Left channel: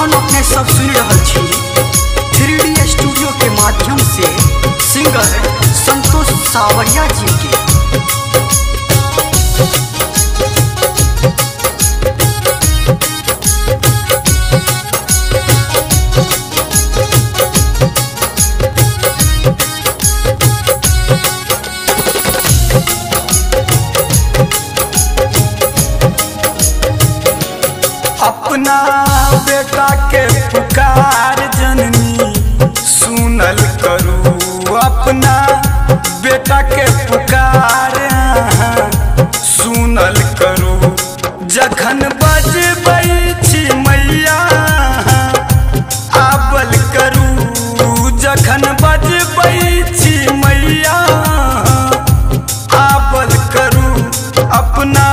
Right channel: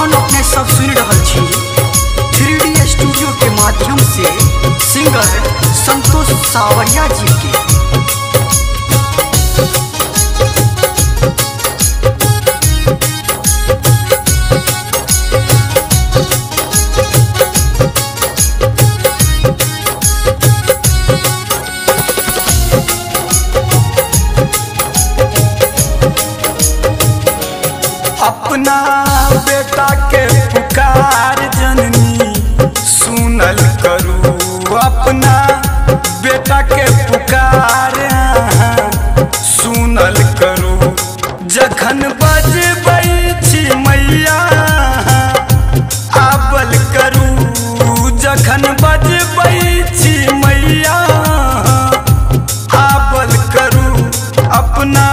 अखन अपने सब सुन रहल छी 3D स्टूडियो के माध्यम से सिंगर संतोष सावरिया जी के। अपना बेटा के पुकार जननी सुनल करू, अपना बेटा के पुकार सुनल करू। जखन बजबै छी मैया आबल करू, जखन बजबै छी मैया आबल करू। अपना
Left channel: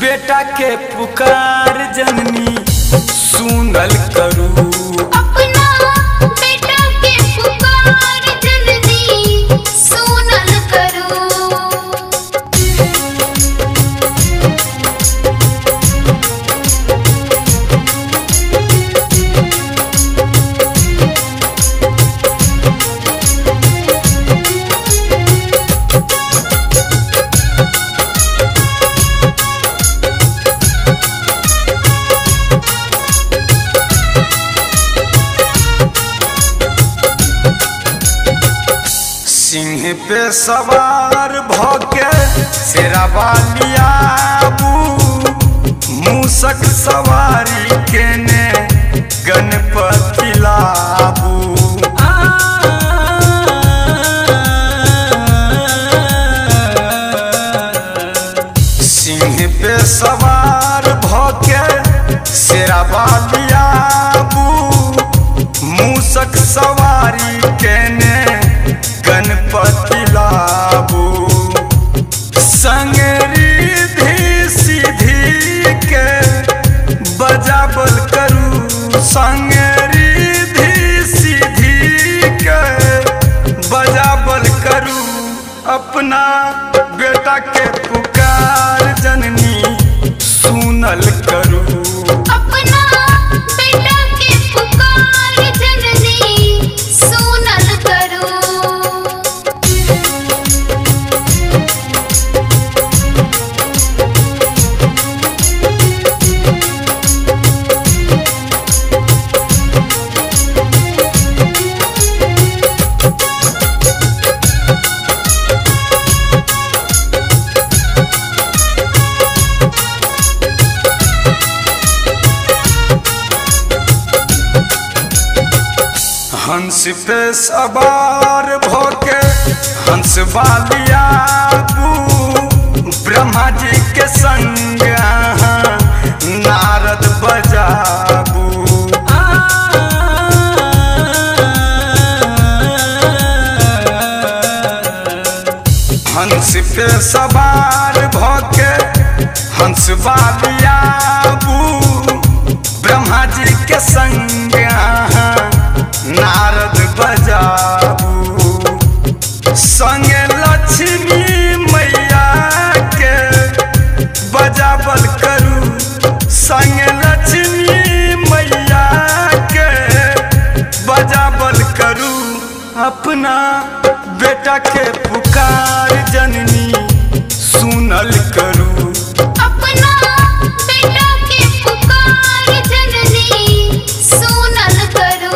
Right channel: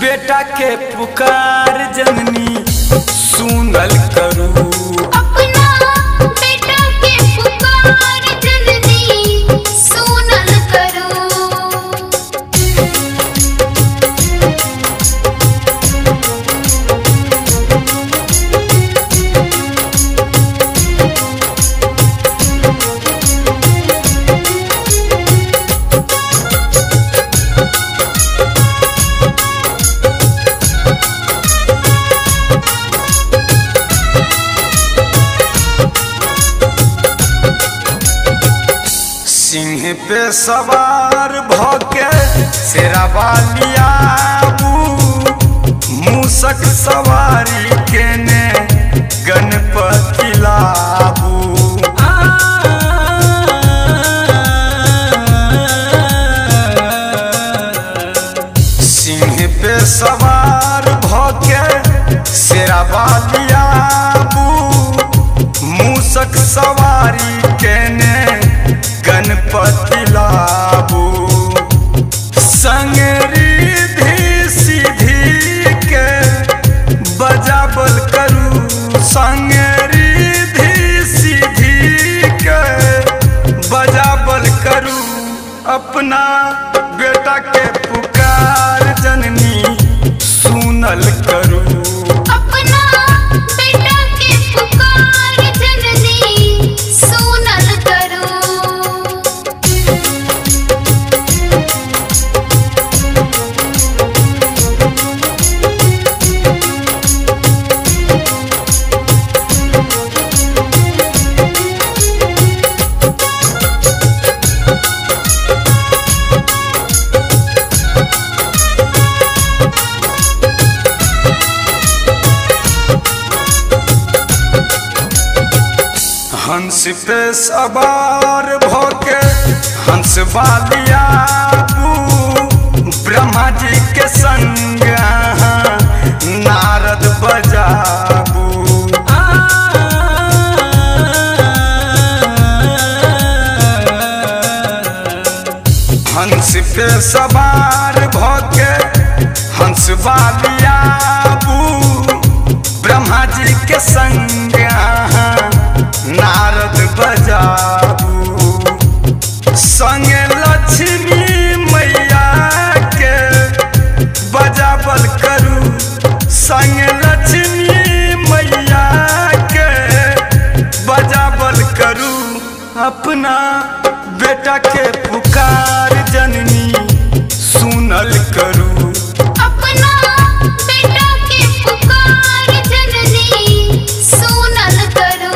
बेटा के पुकार जननी सुनल करू, अपना बेटा के पुकार जननी सुनल करू। सिंह पे सवार भके शेरावाली आबू, मूसक सवारी केने गणपति लाबू। सिंह पे सवार भके शेरावाली आबू, मूसक सवारी केने गणपति लाबू। संग रिधि सीधी के बजाबल करू, संग रिधि सीधी के बजाबल करू। अपना बेटा के पुकार जननी सुनल करू, अपना बेटा के पुकार जननी सुनल करू। हंस पे सवार भोके हंस वाली आबू, ब्रह्मा जी के संग नारद बजाबू। हंस पे सवार भोके हंस वाली आबू, ब्रह्मा जी के संग नारद बजाबू। संग लक्ष्मी मैया के बजाबल करू, संग लक्ष्मी मैया के बजाबल करू। अपना बेटा के पुकार जननी सुनल करू, अपना बेटा के पुकार जननी सुनल करू।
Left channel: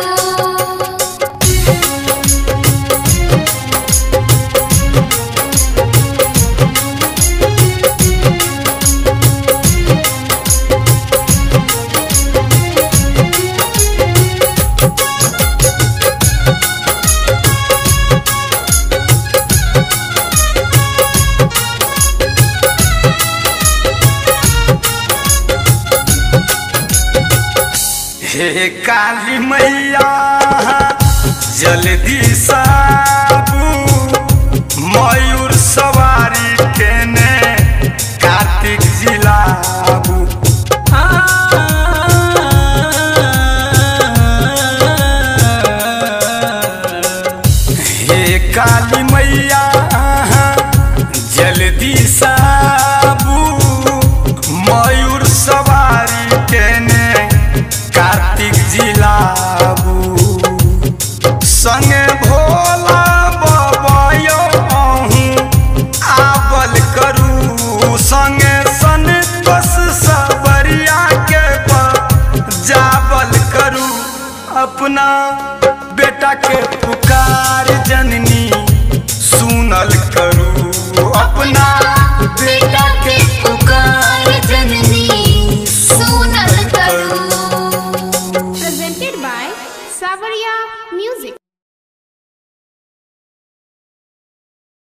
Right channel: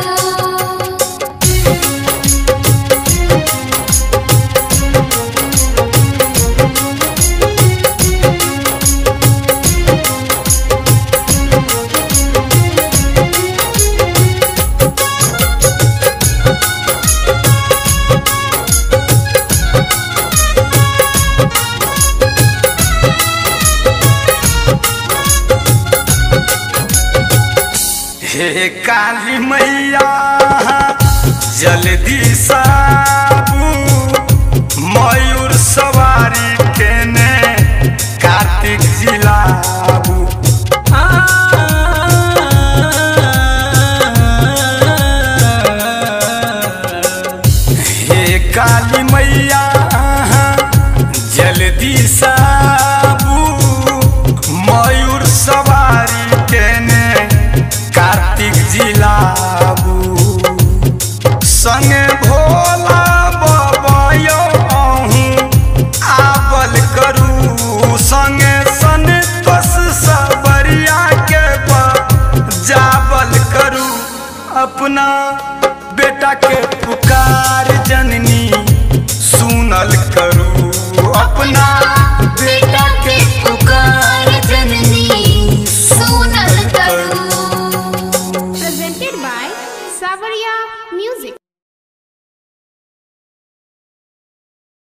हे काली मैया जल्दी साबू, मयूर सवारी केने कार्तिक जिलाबू। हे काली मैया जल्दी साबू, मयूर सवारी केने कार्तिक संगे भोला बाबायो आहूँ आवल करू संगे संतोष सावरिया के जावल करू अपना बेटा के पुकार जननी सुनल करू अपना बेटा के पुकार